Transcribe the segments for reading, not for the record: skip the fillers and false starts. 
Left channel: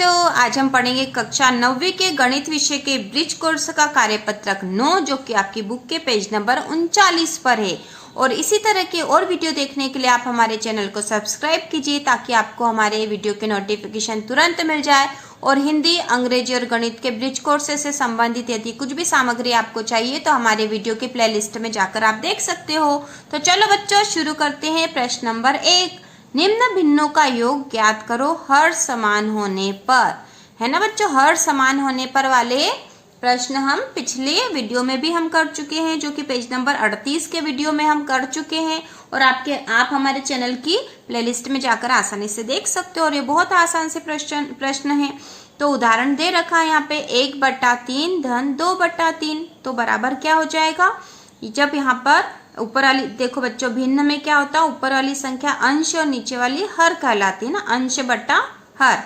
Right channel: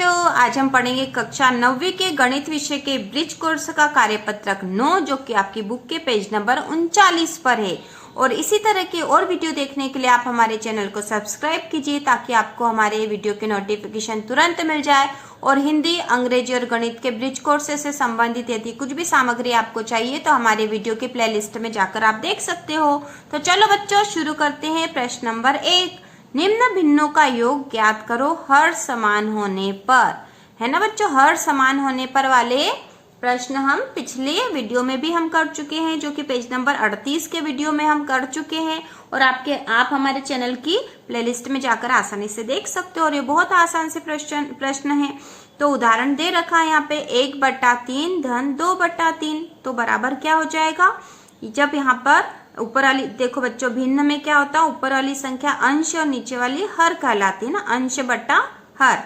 बच्चों, आज हम पढ़ेंगे कक्षा 9वीं के गणित विषय के ब्रिज कोर्स का कार्यपत्रक 9 जो कि आपकी बुक के पेज नंबर 39 पर है। और इसी तरह के और वीडियो देखने के लिए आप हमारे चैनल को सब्सक्राइब कीजिए ताकि आपको हमारे वीडियो के नोटिफिकेशन तुरंत मिल जाए। और हिंदी, अंग्रेजी और गणित के ब्रिज कोर्स से संबंधित यदि कुछ भी सामग्री आपको चाहिए तो हमारे वीडियो के प्लेलिस्ट में जाकर आप देख सकते हो। तो चलो बच्चों शुरू करते हैं। प्रश्न नंबर 1, निम्न भिन्नों का योग ज्ञात करो हर समान होने पर। है ना बच्चों, हर समान होने पर वाले प्रश्न हम पिछले वीडियो में भी हम कर चुके हैं, जो कि पेज नंबर 38 के वीडियो में हम कर चुके हैं। और आप हमारे चैनल की प्लेलिस्ट में जाकर आसानी से देख सकते हो। और ये बहुत आसान से प्रश्न है। तो उदाहरण दे रखा है यहाँ पे 1/3 धन 2/3 तो बराबर क्या हो जाएगा। जब यहाँ पर ऊपर वाली देखो बच्चों, भिन्न में क्या होता है, ऊपर वाली संख्या अंश और नीचे वाली हर कहलाती है ना, अंश बटा हर।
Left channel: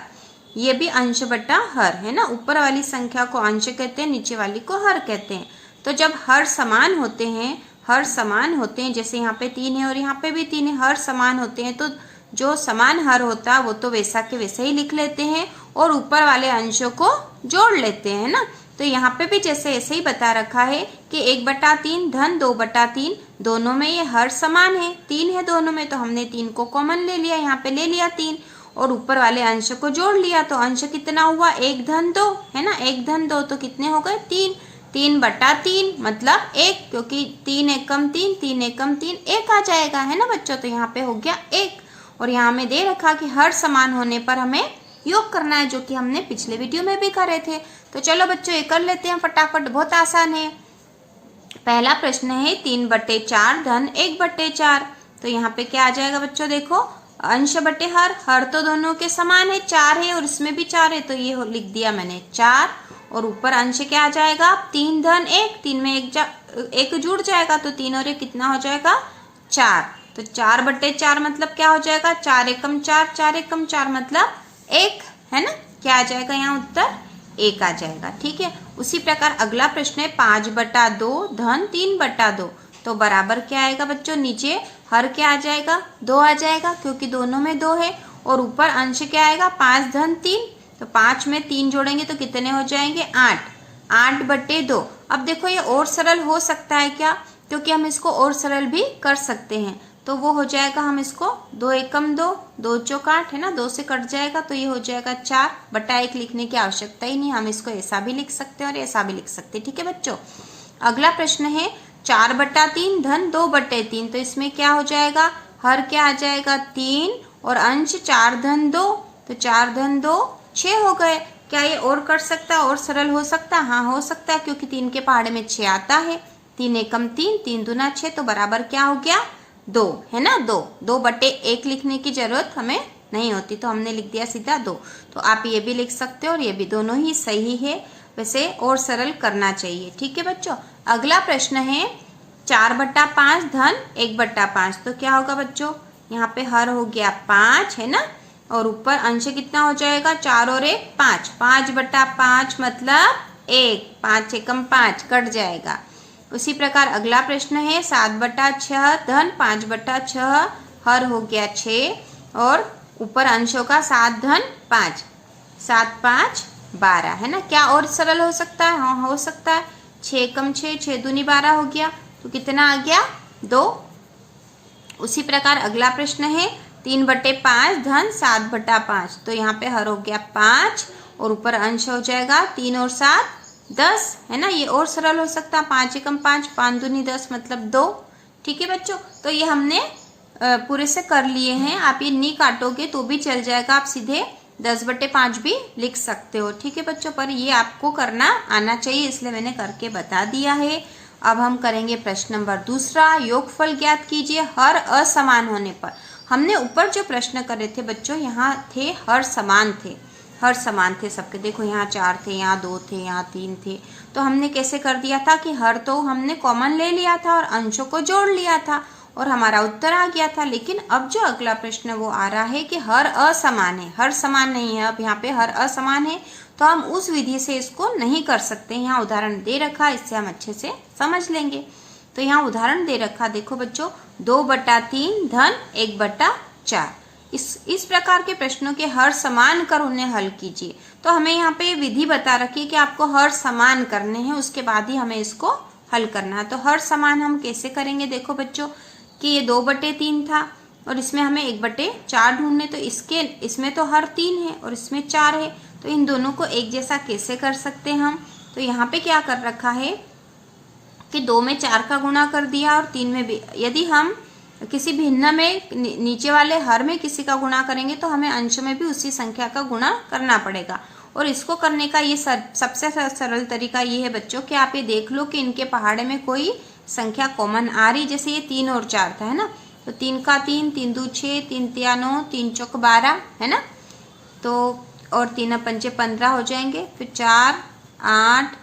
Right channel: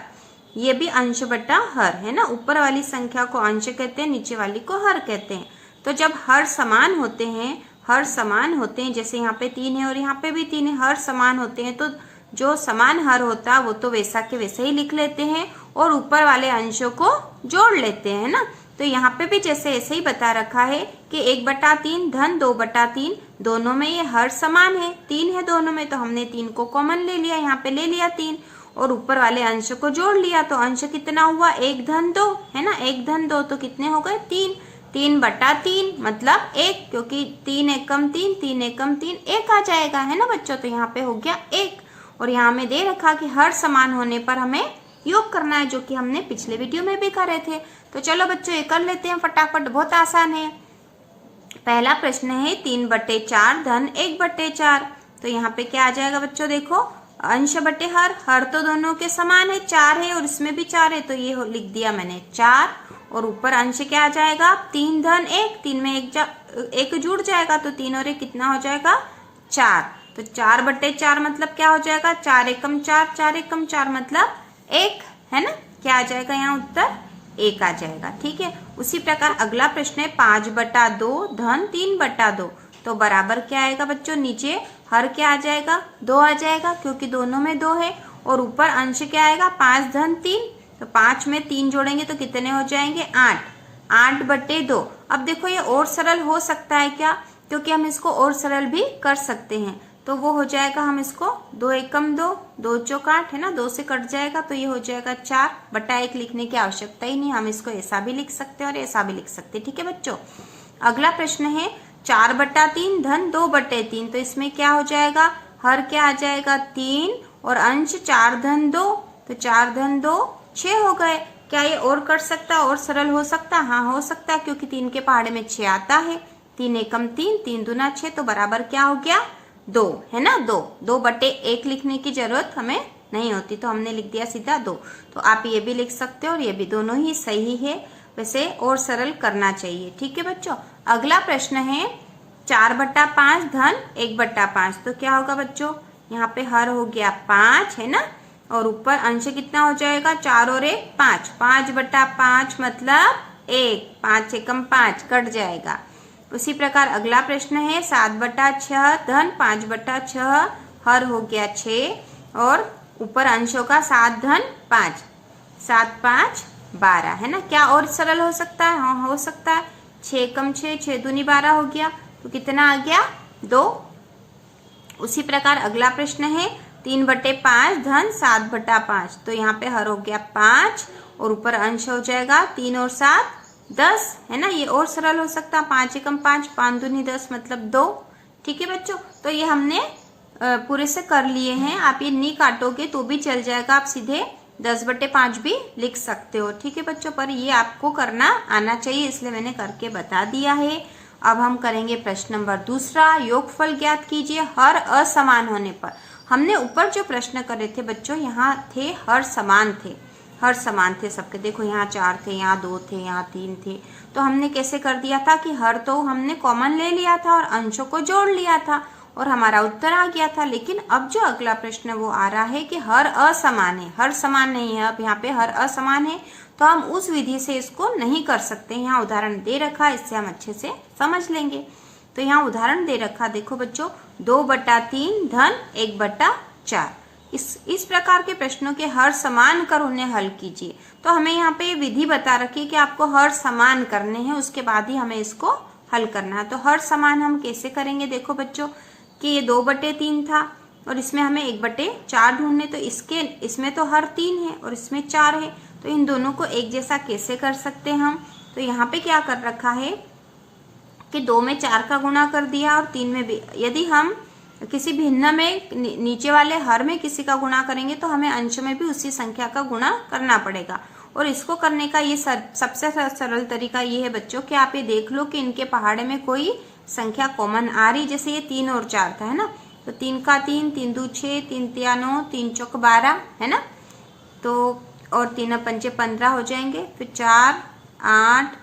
ये भी अंश बटा हर है ना, ऊपर वाली संख्या को अंश कहते हैं, नीचे वाली को हर कहते हैं। तो जब हर समान होते हैं, जैसे यहाँ पे 3 है और यहाँ पे भी 3 है, हर समान होते हैं तो जो समान हर होता है वो तो वैसा के वैसे ही लिख लेते हैं और ऊपर वाले अंशों को जोड़ लेते हैं ना। तो यहाँ पे भी जैसे ऐसे ही बता रखा है कि 1/3 धन 2/3 दोनों में ये हर समान है, 3 है दोनों में, तो हमने 3 को कॉमन ले लिया, यहाँ पे ले लिया 3 और ऊपर वाले अंश को जोड़ लिया। तो अंश कितना हुआ, 1 धन 2 है ना, 1 धन 2 तो कितने हो गए 3, 3/3 मतलब 1, क्योंकि 3 एकम 3, 3 एकम 3 1 आ जाएगा है ना बच्चों। तो यहाँ पे हो गया 1। और यहाँ में दे रखा कि हर समान होने पर हमें योग करना है, जो कि हमने पिछले वीडियो में भी करे थे। तो चलो बच्चों ये कर लेते हैं फटाफट, बहुत आसान है। पहला प्रश्न है 3/4 धन 1/4। तो यहाँ पे क्या आ जाएगा बच्चों, देखो अंश बटे हर तो दोनों के समान है, 4 है और इसमें भी 4 है, तो ये लिख दिया मैंने 4। और ऊपर अंश क्या आ जाएगा, 3 धन 1, 3 में एक जुड़ जाएगा तो 3 और 1 कितना हो जाएगा 4। तो 4/4 मतलब क्या हो जाएगा, 4 एकम 4, 4 एकम 4 मतलब 1 है ना। क्या आ जाएगा यहाँ उत्तर 1 आ जाएगा। ठीक है, उसी प्रकार अगला प्रश्न है 5/2 धन 3/2। तो बराबर क्या आएगा बच्चों, नीचे हर क्या आ जाएगा 2 आ जाएगा, क्योंकि दोनों में 2 है। और ऊपर अंश क्या आएगा 5 धन 3, तो 5 में 3 जोड़ेंगे तो कितने हो जाएंगे 8, 8/2। अब देखो ये और सरल हो सकता है क्या, क्योंकि हम इसको और सरल भी कर सकते हैं। तो वो हो जाएगा, हम इसको 2 एकम 2, 2 चौक 8 है ना, 2 से कट जाएगा तो ये हो जाएगा 4/1 लिखने की आवश्यकता ही नहीं, हम इसको ऐसा भी लिख सकते हैं और ऐसा भी लिख सकते हैं। ठीक है बच्चों, अगला प्रश्न है 4/3 धन 2/3। तो इसमें क्या हो जाएगा, हर क्या आ जाएगा 3 और अंश 4 धन 2, तो 4 धन 2 6 हो गए। क्या ये और कर सकता, और सरल हो सकता, हाँ हो सकता है, क्योंकि 3 के पहाड़े में 6 आता है, 3 एकम 3, 3 दूना 6, तो बराबर क्या हो गया 2 है ना। 2/1 लिखने की जरूरत हमें नहीं होती, तो हमने लिख दिया सीधा 2। तो आप ये भी लिख सकते हो और ये भी, दोनों ही सही है, वैसे और सरल करना चाहिए। ठीक है बच्चों, अगला प्रश्न है 4/5 धन 1/5। तो क्या होगा बच्चों, यहाँ पे हर हो गया 5 है ना, और ऊपर अंश कितना हो जाएगा 4 और 1 5, 5/5 मतलब 1, 5 एकम 5 कट जाएगा। उसी प्रकार अगला प्रश्न है 7/6 धन 5/6। हर हो गया 6 और ऊपर अंशों का 7 धन 5, 7 5 12 है ना। क्या और सरल हो सकता है, हाँ हो सकता है। 6 एकम 6, 6 दूनी 12 हो गया, तो कितना आ गया 2। उसी प्रकार अगला प्रश्न है 3/5 धन 7/5। तो यहाँ पे हर हो गया 5 और ऊपर अंश हो जाएगा 3 और 7 10 है ना। ये और सरल हो सकता है, 5 एकम 5, 5 दूनी 10 मतलब 2। ठीक है बच्चों, तो ये हमने पूरे से कर लिए हैं। आप ये नहीं काटोगे तो भी चल जाएगा, आप सीधे 10/5 भी लिख सकते हो। ठीक है बच्चों, पर ये आपको करना आना चाहिए, इसलिए मैंने करके बता दिया है। अब हम करेंगे प्रश्न नंबर 2, योगफल ज्ञात कीजिए हर असमान होने पर। हमने ऊपर जो प्रश्न करे थे बच्चों, यहाँ थे हर समान थे सबके। देखो यहाँ 4 थे, यहाँ 2 थे, यहाँ 3 थे। तो हमने कैसे कर दिया था कि हर तो हमने कॉमन ले लिया था और अंशों को जोड़ लिया था और हमारा उत्तर आ गया था। लेकिन अब जो अगला प्रश्न वो आ रहा है कि हर असमान है, हर समान नहीं है। अब यहाँ पे हर असमान है, तो हम उस विधि से इसको नहीं कर सकते। यहाँ उदाहरण दे रखा, इससे हम अच्छे से समझ लेंगे। तो यहाँ उदाहरण दे रखा, देखो बच्चों 2/3 धन 1/4। इस प्रकार के प्रश्नों के हर समान कर उन्हें हल कीजिए। तो हमें यहाँ पे विधि बता रखी है कि आपको हर समान करने हैं, उसके बाद ही हमें इसको हल करना है। तो हर समान हम कैसे करेंगे, देखो बच्चों कि ये 2/3 था और इसमें हमें 1/4 ढूंढने, तो इसमें तो हर 3 है और इसमें 4 है, तो इन दोनों को एक जैसा कैसे कर सकते हैं हम। तो यहाँ पे क्या कर रखा है कि 2 में 4 का गुणा कर दिया और 3 में भी। यदि हम किसी भिन्न में नीचे वाले हर में किसी का गुणा करेंगे तो हमें अंश में भी उसी संख्या का गुणा करना पड़ेगा। और इसको करने का ये सबसे सरल तरीका ये है बच्चों कि आप ये देख लो कि इनके पहाड़े में कोई संख्या कॉमन आ रही। जैसे ये 3 और 4 था, है ना, तो 3 का 3, 3 दूनी 6, 3 तिया 9, 3 चौक 12, है ना, तो और 3 पंचे 15 हो जाएंगे, फिर 4, 8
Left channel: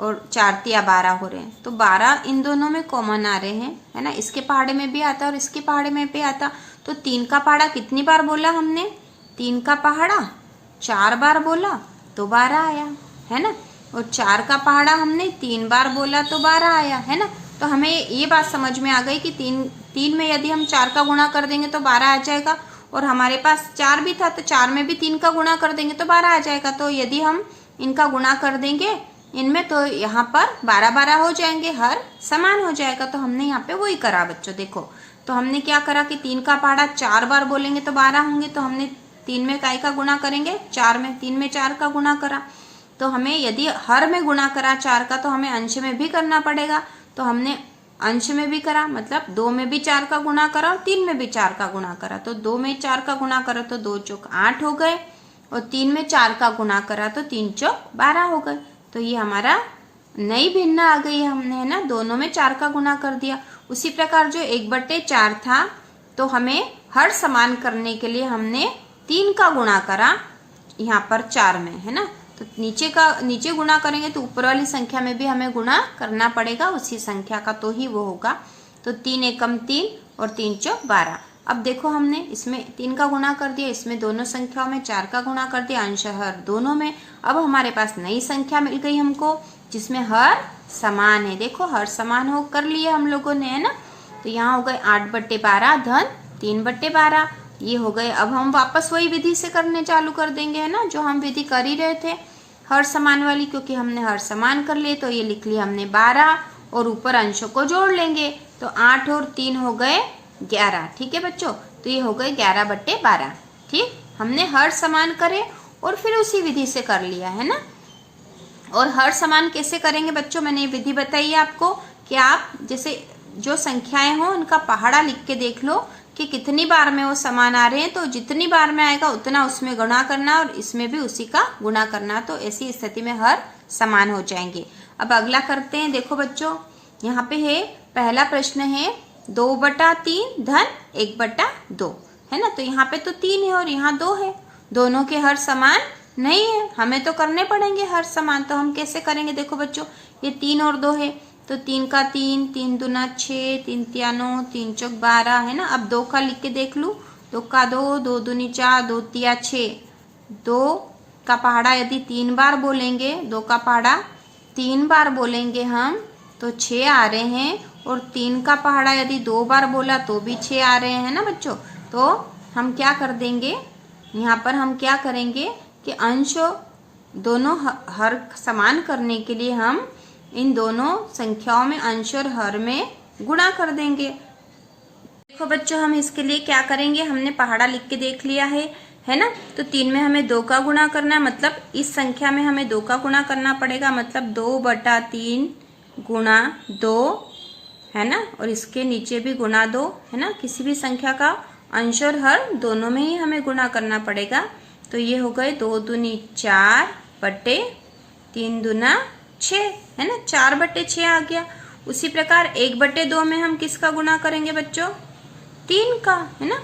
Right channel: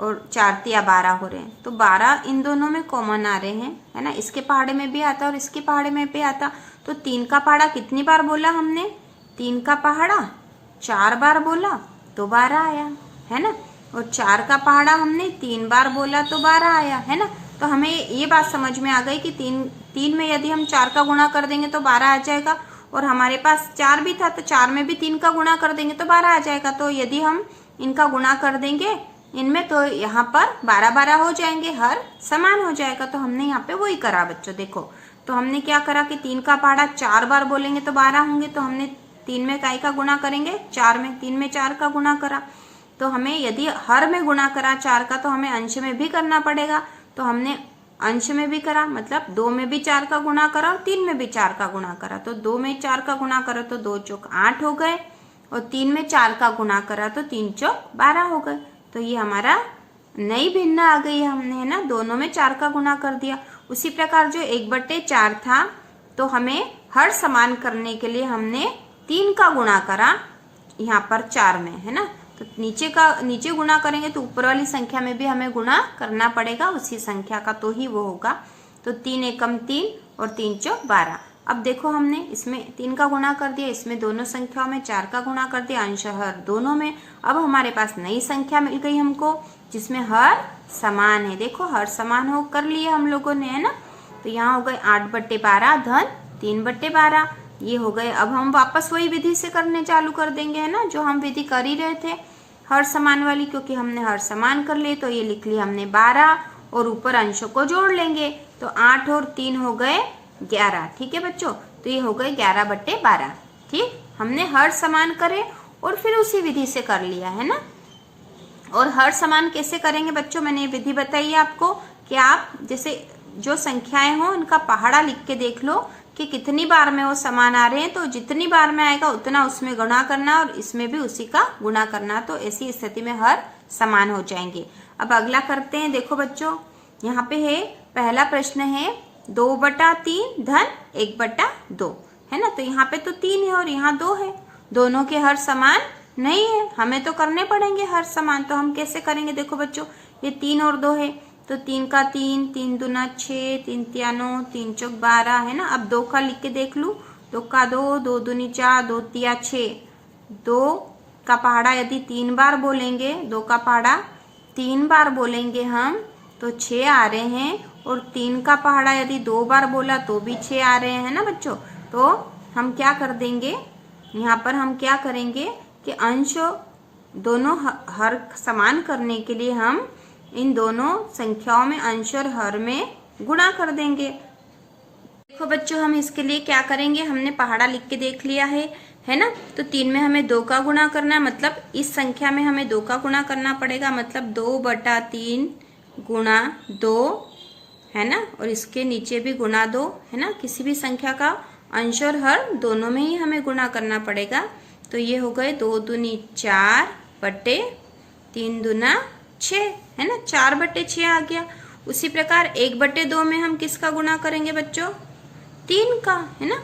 और 4 तिया 12 हो रहे हैं। तो 12 इन दोनों में कॉमन आ रहे हैं, है ना, इसके पहाड़े में भी आता और इसके पहाड़े में भी आता। तो 3 का पहाड़ा कितनी बार बोला हमने, 3 का पहाड़ा 4 बार बोला तो 12 आया, है ना, और 4 का पहाड़ा हमने 3 बार बोला तो 12 आया, है ना। तो हमें ये बात समझ में आ गई कि 3 में यदि हम 4 का गुणा कर देंगे तो 12 आ जाएगा, और हमारे पास 4 भी था तो 4 में भी 3 का गुणा कर देंगे तो 12 आ जाएगा। तो यदि हम इनका गुणा कर देंगे इनमें तो यहाँ पर 12-12 हो जाएंगे, हर समान हो जाएगा। तो हमने यहाँ पे वही करा बच्चों। देखो तो हमने क्या करा कि 3 का पहाड़ा 4 बार बोलेंगे तो 12 होंगे, तो हमने 3 में काय का गुणा करेंगे 4 में, 3 में 4 का गुणा करा। तो हमें यदि हर में गुणा करा 4 का तो हमें अंश में भी करना पड़ेगा। तो हमने अंश में भी करा, मतलब 2 में भी 4 का गुणा करा और 3 में भी 4 का गुणा करा। तो 2 में 4 का गुणा करा तो 2 चौक 8 हो गए, और 3 में 4 का गुणा करा तो 3 चौक 12 हो गए। तो ये हमारा नई भिन्न आ गई है, हमने, है ना, दोनों में 4 का गुणा कर दिया। उसी प्रकार जो 1/4 था तो हमें हर समान करने के लिए हमने 3 का गुणा करा यहाँ पर 4 में, है ना। तो नीचे गुणा करेंगे तो ऊपर वाली संख्या में भी हमें गुणा करना पड़ेगा उसी संख्या का, तो ही वो होगा। तो 3 एकम 3 और 3 चौक 12। अब देखो हमने इसमें 3 का गुणा कर दिया, इसमें दोनों संख्याओं में 4 का गुणा कर दिया, अंश हर दोनों में। अब हमारे पास नई संख्या मिल गई हमको जिसमें हर समान है। देखो हर समान हो कर लिया हम लोगों ने, है ना। तो यहाँ हो गए 8/12 धन 3/12, ये हो गए। अब हम वापस वही विधि से करने चालू कर देंगे, है ना, जो हम विधि कर ही रहे थे हर समान वाली, क्योंकि हमने हर समान कर लिए। तो ये लिख लिया हमने 12 और ऊपर अंशों को जोड़ लेंगे, तो 8 और 3 हो गए 11। ठीक है बच्चों, तो ये हो गए 11/12। ठीक, हमने हर समान करे और फिर उसी विधि से कर लिया, है ना। और हर समान कैसे करेंगे बच्चों, मैंने ये विधि बताई है आपको कि आप जैसे जो संख्याएं हो उनका पहाड़ा लिख के देख लो कि कितनी बार में वो समान आ रहे हैं, तो जितनी बार में आएगा उतना उसमें गुणा करना और इसमें भी उसी का गुणा करना। तो ऐसी स्थिति में हर समान हो जाएंगे। अब अगला करते हैं। देखो बच्चों यहाँ पे है, पहला प्रश्न है 2/3 धन 1/2, है ना। तो यहाँ पे तो 3 है और यहाँ 2 है, दोनों के हर समान नहीं है, हमें तो करने पड़ेंगे हर समान। तो हम कैसे करेंगे, देखो बच्चों ये 3 और 2 है, तो 3 का 3, 3 दूना 6, 3 तिया 9, 3 चौक 12, है ना। अब 2 का लिख के देख लूँ, 2 का 2, 2 दूनी 4, 2 तिया 6। 2 का पहाड़ा यदि 3 बार बोलेंगे, 2 का पहाड़ा 3 बार बोलेंगे हम तो 6 आ रहे हैं, और 3 का पहाड़ा यदि 2 बार बोला तो भी 6 आ रहे हैं ना बच्चों। तो हम क्या कर देंगे, यहाँ पर हम क्या करेंगे कि अंश दोनों हर समान करने के लिए हम इन दोनों संख्याओं में अंश और हर में गुणा कर देंगे। देखो बच्चों हम इसके लिए क्या करेंगे, हमने पहाड़ा लिख के देख लिया है ना। तो 3 में हमें 2 का गुणा करना है, मतलब इस संख्या में हमें 2 का गुणा करना पड़ेगा, मतलब 2/3 गुणा 2, है ना, और इसके नीचे भी गुणा 2, है ना। किसी भी संख्या का अंश और हर दोनों में ही हमें गुणा करना पड़ेगा। तो ये हो गए 2 दूनी 4 बटे 3 दूना 6, है ना, 4/6 आ गया। उसी प्रकार 1/2 में हम किसका गुणा करेंगे बच्चों, 3 का, है ना।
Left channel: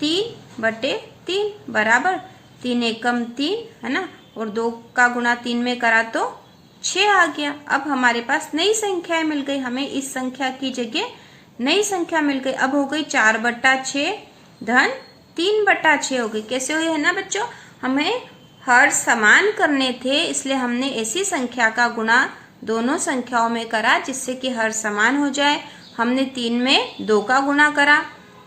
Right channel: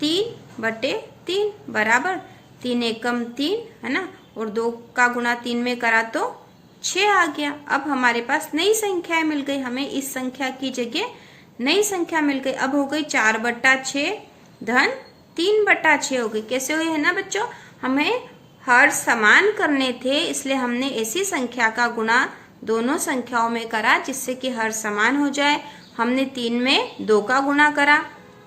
3/3 बराबर 3 एकम 3, है ना, और 2 का गुणा 3 में करा तो 6 आ गया। अब हमारे पास नई संख्या मिल गई, हमें इस संख्या की जगह नई संख्या मिल गई। अब हो गई 4/6 धन 3/6 हो गई। कैसे हुई, है ना बच्चों, हमें हर समान करने थे इसलिए हमने ऐसी संख्या का गुणा दोनों संख्याओं में करा जिससे कि हर समान हो जाए। हमने 3 में 2 का गुणा करा,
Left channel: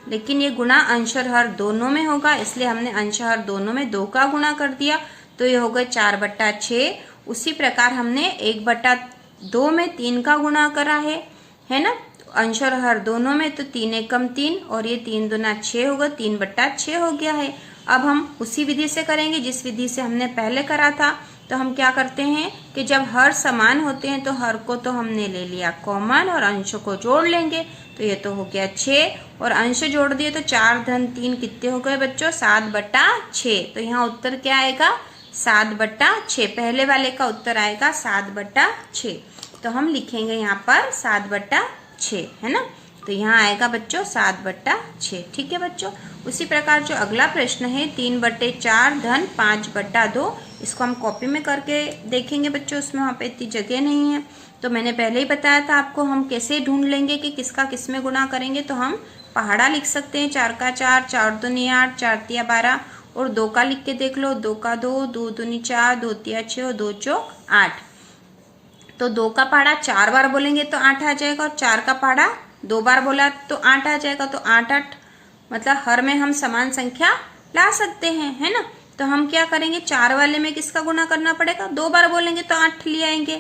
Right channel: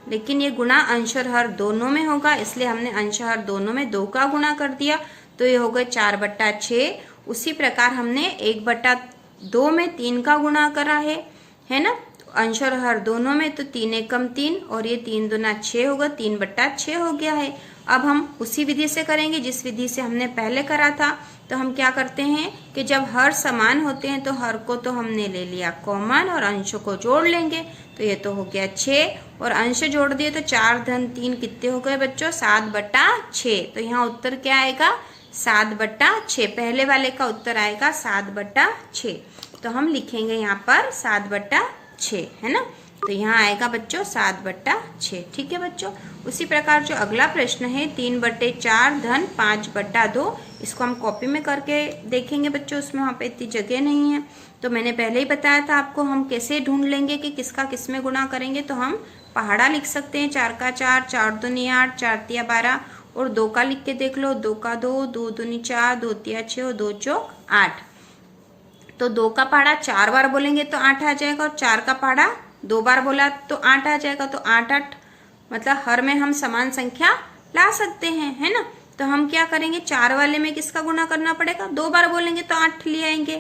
लेकिन ये गुणा अंश और हर दोनों में होगा, इसलिए हमने अंश हर दोनों में 2 का गुणा कर दिया, तो ये हो गए 4/6। उसी प्रकार हमने 1/2 में 3 का गुणा करा है ना, अंश और हर दोनों में, तो 3 एकम 3 और ये 3 दूना 6 होगा, 3/6 हो गया है। अब हम उसी विधि से करेंगे जिस विधि से हमने पहले करा था। तो हम क्या करते हैं कि जब हर समान होते हैं तो हर को तो हमने ले लिया कॉमन और अंश को जोड़ लेंगे, तो ये तो हो गया 6 और अंश जोड़ दिए तो 4 धन 3 कितने हो गए बच्चों, 7/6। तो यहाँ उत्तर क्या आएगा, 7/6। पहले वाले का उत्तर आएगा 7/6। तो हम लिखेंगे यहाँ पर 7/6, है ना। तो यहाँ आएगा बच्चों 7/6। ठीक है बच्चों। उसी प्रकार जो अगला प्रश्न है 3/4 धन 5/2, इसको हम कॉपी में करके देखेंगे बच्चों, उसमें वहाँ पे इतनी जगह नहीं है। तो मैंने पहले ही बताया था आपको हम कैसे ढूंढ लेंगे कि किसका किस में गुणा करेंगे। तो हम पहाड़ा लिख सकते हैं, 4 का 4, 4 दूनी 8, 4 तिया 12 और 2 का लिख के देख लो, 2 का 2, 2 दूनी 4, 2 तिया 6 और 2 चौक 8। तो 2 का पहाड़ा 4 बार बोलेंगे तो 8 आ जाएगा और 4 का पहाड़ा 2 बार बोला तो 8 आ जाएगा। तो 8 8 मतलब हर में हम समान संख्या ला सकते हैं, है ना। तो हम क्या करेंगे, 4 वाले में किसका गुणा करना पड़ेगा, 2 बार बोलेंगे तो 8 ले आएंगे।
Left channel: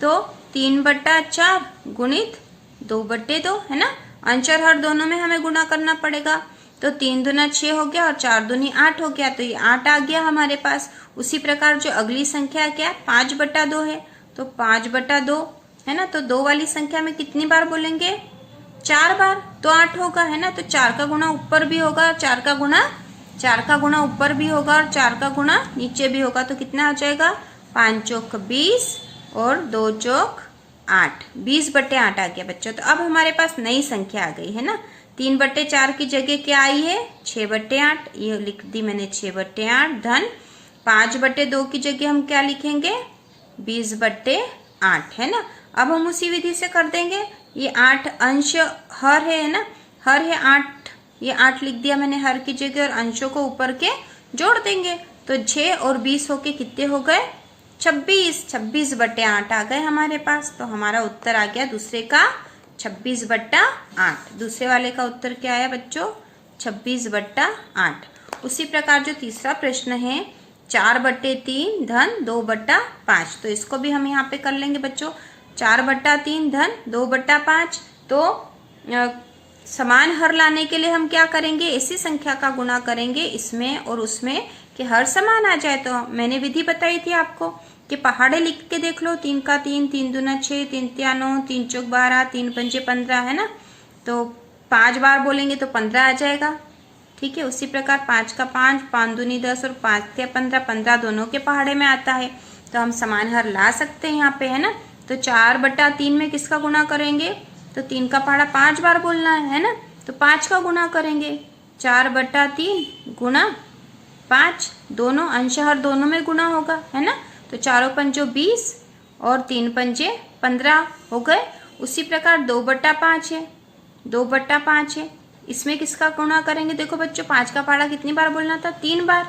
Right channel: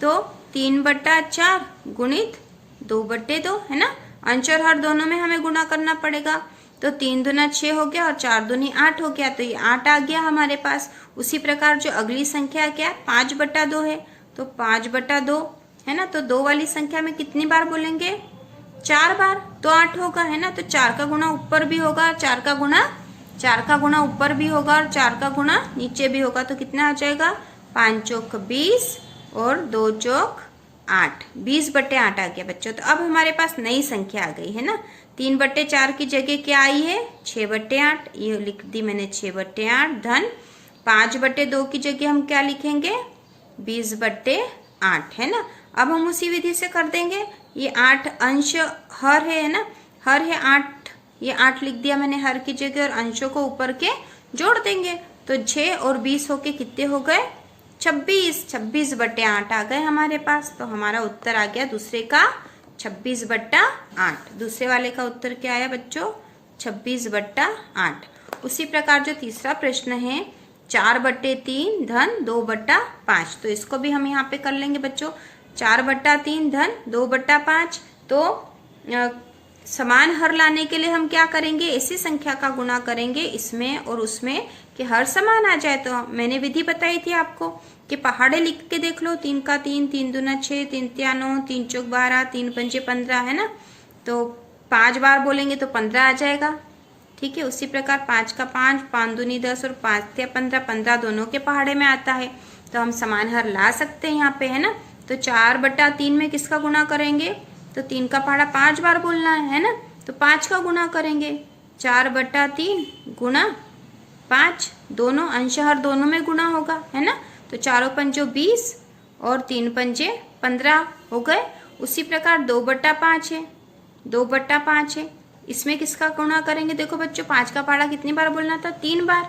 तो 3/4 गुणित 2/2, है ना। अंश और हर दोनों में हमें गुणा करना पड़ेगा। तो 3 दूना 6 हो गया और 4 दूनी 8 हो गया, तो ये 8 आ गया हमारे पास। उसी प्रकार जो अगली संख्या क्या 5/2 है, तो 5/2 है ना। तो 2 वाली संख्या में कितनी बार बोलेंगे, 4 बार, तो 8 होगा, है ना। तो 4 का गुणा ऊपर भी होगा और 4 का गुणा ऊपर भी होगा और 4 का गुणा नीचे भी होगा। तो कितना आ जाएगा, 5 चौक 20 और 2 चौक 8, 20/8 आ गया बच्चों। तो अब हमारे पास नई संख्या आ गई है ना। 3/4 की जगह क्या आई है, 6/8, ये लिख दी मैंने 6/8 धन 5/2 की जगह हम क्या लिखेंगे, 20/8, है ना। अब हम उसी विधि से कर देंगे। ये 8 अंश हर है ना, हर है 8, ये 8 लिख दिया मैंने हर की जगह और अंशों को ऊपर के जोड़ देंगे। तो 6 और 20 होके कितने हो गए, 26, 26/8 आ गए हमारे पास। तो हमारा उत्तर आ गया दूसरे का 26/8। दूसरे वाले का उत्तर क्या आया बच्चों, 26/8। उसी प्रकार जो तीसरा प्रश्न है 4/3 धन 2/5, तो इसको भी हम यहाँ पे कर लेंगे बच्चों। 4/3 धन 2/5, तो समान हर लाने के लिए हम क्या करेंगे, इसी संख्या का गुणा करेंगे इसमें और उसमें कि हर समान आ जाए। तो मैंने विधि बताई थी आपको कि पहाड़े लिख के देख लो, 3 का 3, 3 दूना 6, 3 तिया 9, 3 चौक 12, 3 पंजे 15, है ना। तो 5 बार बोलेंगे तो 15 आ जाएगा। ठीक है। उसी प्रकार 5 का 5, 5 दूनी 10 और 5 तिया 15, 15 दोनों के पहाड़े में आता है। तो हम समान हर ला सकते हैं यहाँ पे, है ना। तो 4/3 में किसका गुणा करेंगे, तो 3 का पहाड़ा 5 बार बोलना है ना। तो 5 का गुणा करेंगे, 4/3 गुणा 5, दोनों अंश हर दोनों में गुणा होगा, है ना। तो 4 पंजो 20 और 3 पंजे 15 हो गए। उसी प्रकार 2/5 है, 2/5 है, इसमें किसका गुणा करेंगे, देखो बच्चों 5 का पहाड़ा कितनी बार बोलना था, 3 बार,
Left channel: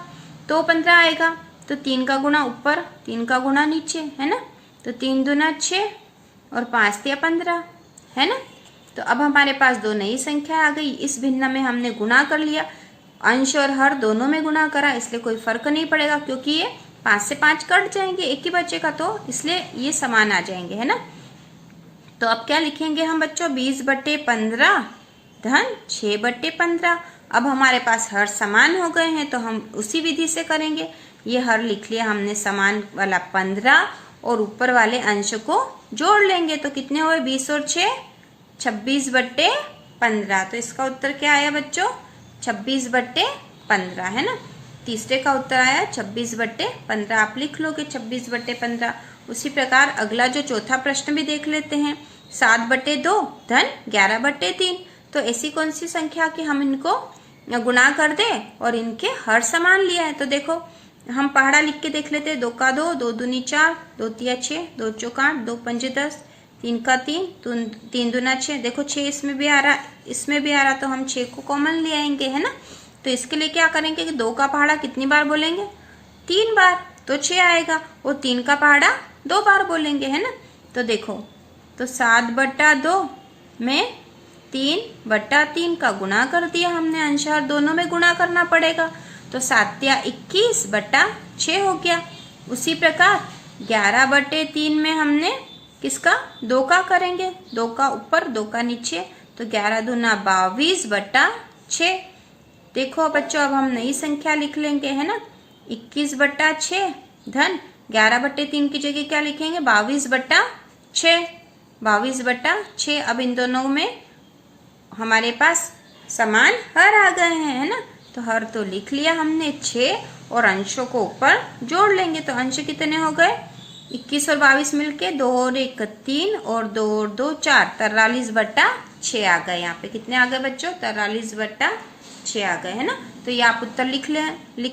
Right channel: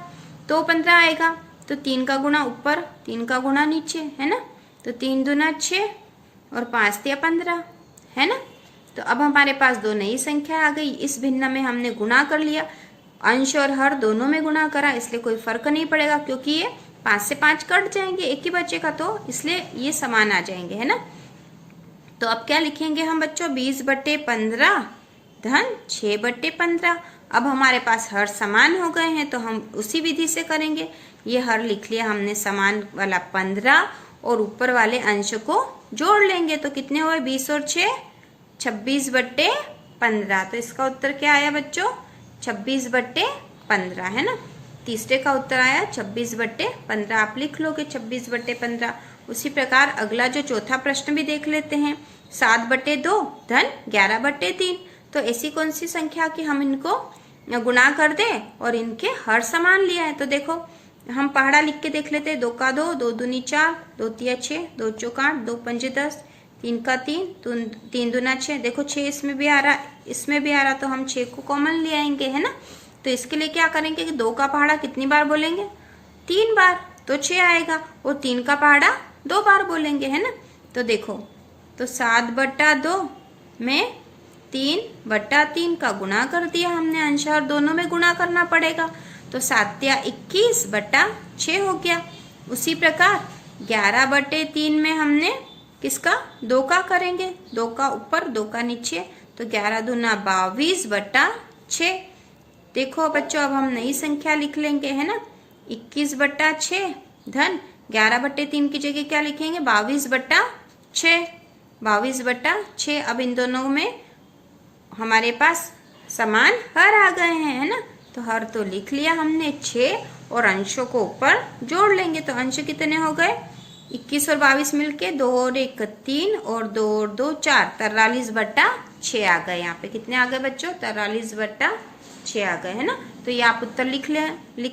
तो 15 आएगा। तो 3 का गुणा ऊपर, 3 का गुणा नीचे, है ना। तो 3 दूना 6 और 5 तिया 15, है ना। तो अब हमारे पास 2 नई संख्या आ गई। इस भिन्न में हमने गुणा कर लिया, अंश और हर दोनों में गुणा करा, इसलिए कोई फर्क नहीं पड़ेगा क्योंकि ये 5 से 5 कट जाएंगे, एक ही बचेगा, तो इसलिए ये समान आ जाएंगे, है ना। तो अब क्या लिखेंगे हम बच्चों, 20/15 धन 6/15। अब हमारे पास हर समान हो गए हैं तो हम उसी विधि से करेंगे। ये हर लिख लिया हमने, समान वाला 15 और ऊपर वाले अंश को जोड़ लेंगे। तो कितने हुए, 20 और 6, 26/15। तो इसका उत्तर क्या आया बच्चों, 26/15, है ना। तीसरे का उत्तर आया 26/15, आप लिख लोगे 26/15। उसी प्रकार अगला जो चौथा प्रश्न भी देख लेते हैं, 7/2 धन 11/3। तो ऐसी कौन सी संख्या कि हम इनको गुणा कर दे और इनके हर समान लिया है। तो देखो हम पहाड़ा लिख के देख लेते हैं, 2 का 2, 2 दूनी 4, 2 तिया 6, 2 चौक 8, 2 पंजे 10, 3 का 3, 3 दूना 6, देखो 6 इसमें भी आ रहा, इसमें भी आ रहा, तो हम 6 को कॉमन ले आएंगे, है ना। तो इसके लिए क्या करेंगे कि 2 का पहाड़ा कितनी बार बोलेंगे, 3 बार, तो 6 आएगा और 3 का पहाड़ा 2 बार बोलेंगे, है ना। तो देखो, तो 7/2 में 3/3 का गुणा कर दिया हमने, अंशार दोनों में गुणा करना पड़ेगा, तो 7×21/6 हो गया। उसी प्रकार 11/3 में हमने किसका, 2 का करेंगे, 2 का ऊपर 2 का नीचे, तो 11×2 22/6। देखो बच्चों अब हम नई संख्या लिख लेंगे, है ना, 21/6 धन 11/3 की जगह क्या लिखेंगे, 22/6, 22/6। अब इन दोनों में हमारे पास समान हर आ गए हैं, है ना, तो हर तो लिख लिया हमने 6 और अंशों को ऊपर जोड़ लेंगे, तो अंश कितने हो गए, 21 और 22 मिलके 2 और 1 3 और 2 और 2 4, 43/6 आ गए। यहाँ पे कितने आ गए बच्चों, 43/6 आ गए, है ना। तो ये आप उत्तर लिख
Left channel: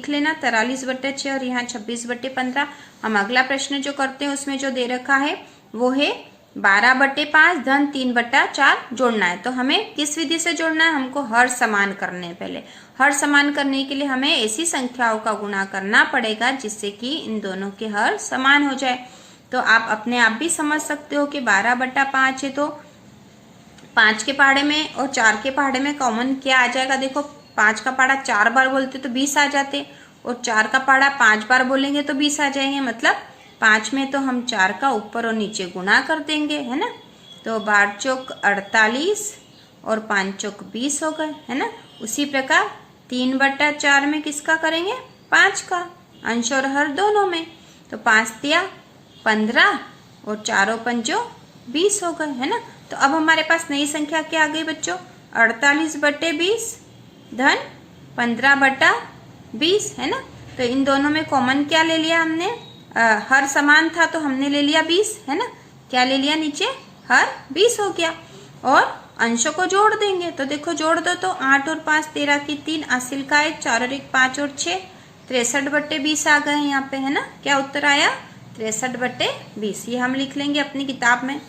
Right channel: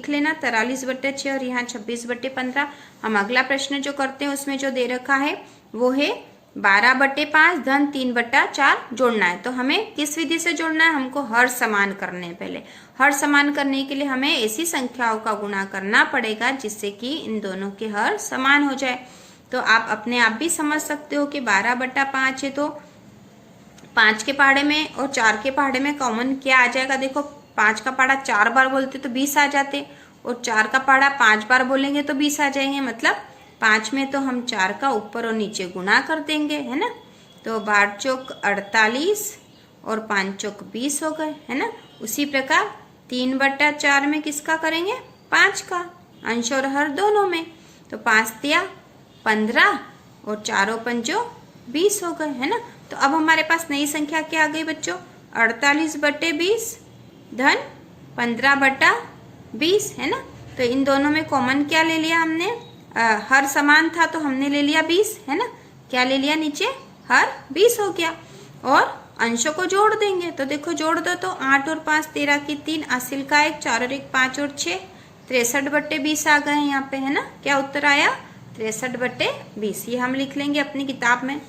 लेना 43/6 और यहाँ 26/15। हम अगला प्रश्न जो करते हैं उसमें जो दे रखा है वो है 12/5 धन 3/4 जोड़ना है। तो हमें किस विधि से जोड़ना है, हमको हर समान करने हैं। पहले हर समान करने के लिए हमें ऐसी संख्याओं का गुणा करना पड़ेगा जिससे कि इन दोनों के हर समान हो जाए। तो आप अपने आप भी समझ सकते हो कि 12/5 है तो 5 के पहाड़े में और 4 के पहाड़े में कॉमन क्या आ जाएगा। देखो 5 का पहाड़ा 4 बार बोलते तो 20 आ जाते, और 4 का पहाड़ा 5 बार बोलेंगे तो 20 आ जाएंगे। मतलब 5 में तो हम 4 का ऊपर और नीचे गुणा कर देंगे, है ना। तो 12 चौक 48 और 5 चौक 20 हो गए, है ना। उसी प्रकार 3/4 में किसका करेंगे, 5 का, अंश और हर दोनों में, तो 5 तिया 15 और 4 पंजो 20 हो गए, है ना। तो अब हमारे पास नई संख्या क्या आ गई बच्चों, 48/20 धन 15/20, है ना। तो इन दोनों में कॉमन क्या ले लिया हमने, हर समान था तो हमने ले लिया 20, है ना। क्या ले लिया, नीचे हर 20 हो गया, और अंशों को जोड़ देंगे। तो देखो जोड़ दो, तो 8 और 5 13 की 3, असिल का 1, 4 और 1 5 और 6, 63/20 आ गए यहाँ पे, है ना। क्या उत्तर आया, 63/20। ये हम लिख लेंगे अपनी किताब में।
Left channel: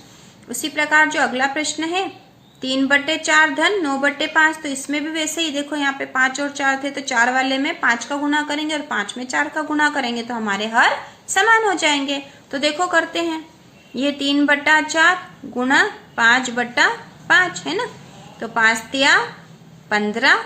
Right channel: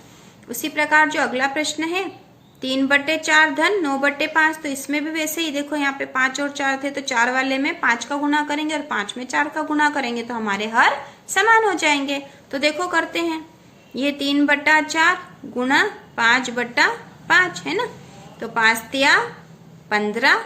उसी प्रकार जो अगला प्रश्न है 3/4 धन 9/5, तो इसमें भी वैसे ही देखो यहाँ पे 5 और 4 थे, तो 4 वाले में 5 का गुणा करेंगे और 5 में 4 का गुणा करेंगे तो हमारे हर समान हो जाएंगे। तो देखो करते हैं, ये 3/4 गुणा 5/5, है ना। तो 5 तिया 15,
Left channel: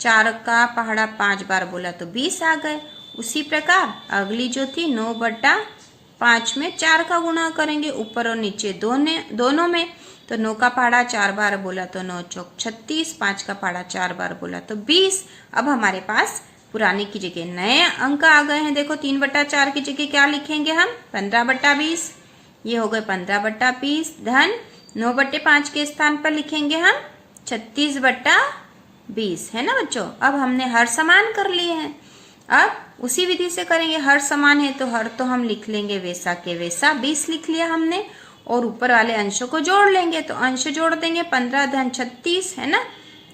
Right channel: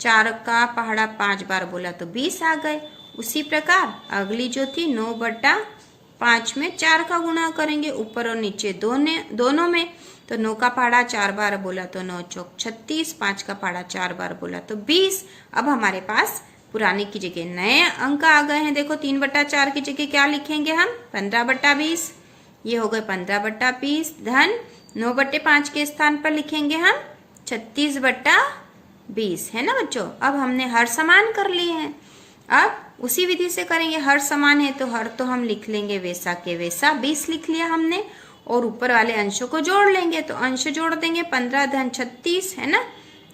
4 का पहाड़ा 5 बार बोला तो 20 आ गए। उसी प्रकार अगली जो थी 9/5 में 4 का गुणा करेंगे ऊपर और नीचे दोनों में, तो 9 का पहाड़ा 4 बार बोला तो 9 चौक 36, 5 का पहाड़ा 4 बार बोला तो 20। अब हमारे पास पुराने की जगह नए अंक आ गए हैं। देखो 3/4 की जगह क्या लिखेंगे हम, 15/20, ये हो गए 15/20 धन 9/5 के स्थान पर लिखेंगे हम 36/20, है ना बच्चों। अब हमने हर समान कर लिए हैं, अब उसी विधि से करेंगे। हर समान है तो हर तो हम लिख लेंगे वैसा के वैसा, 20 लिख लिया हमने, और ऊपर वाले अंशों को जोड़ लेंगे। तो अंश जोड़ देंगे 15 धन 36, है ना।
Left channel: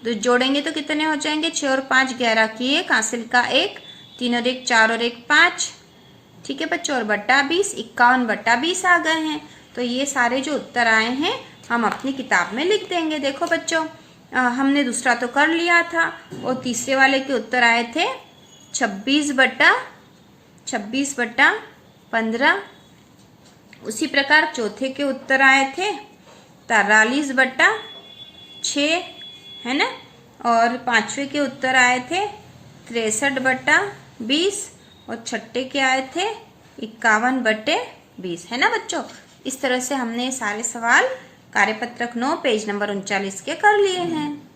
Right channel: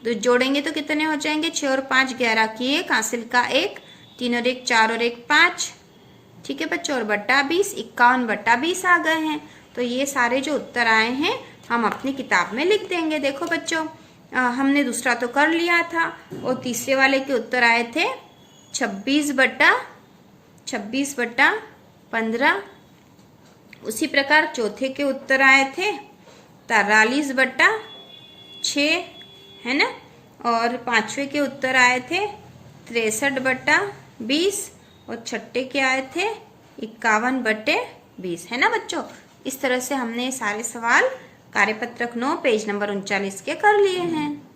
तो जोड़ेंगे तो कितने हो जाएंगे, 6 और 5 11 की 1, हासिल का 1, 3 और 1 4 और 1 5, ठीक है बच्चों, और बट्टा 20 51/20 आ गए हैं। तो ये सारे जो उत्तर आए हैं हम अपनी किताब में लिख देंगे। देखो बच्चों हमने दूसरा तो कर लिया था, और तीसरे वाले के उत्तर आए थे 26/15। उसी प्रकार चौथे के उत्तर आए थे 43/6, है ना। और पांचवें के उत्तर आए थे 63/20, और छठे के आए थे 51/20, है ना बच्चों। इस तरह से हमने सारे सवाल कार्यपत्रक 9 पेज नंबर 39 के कर लिए हैं।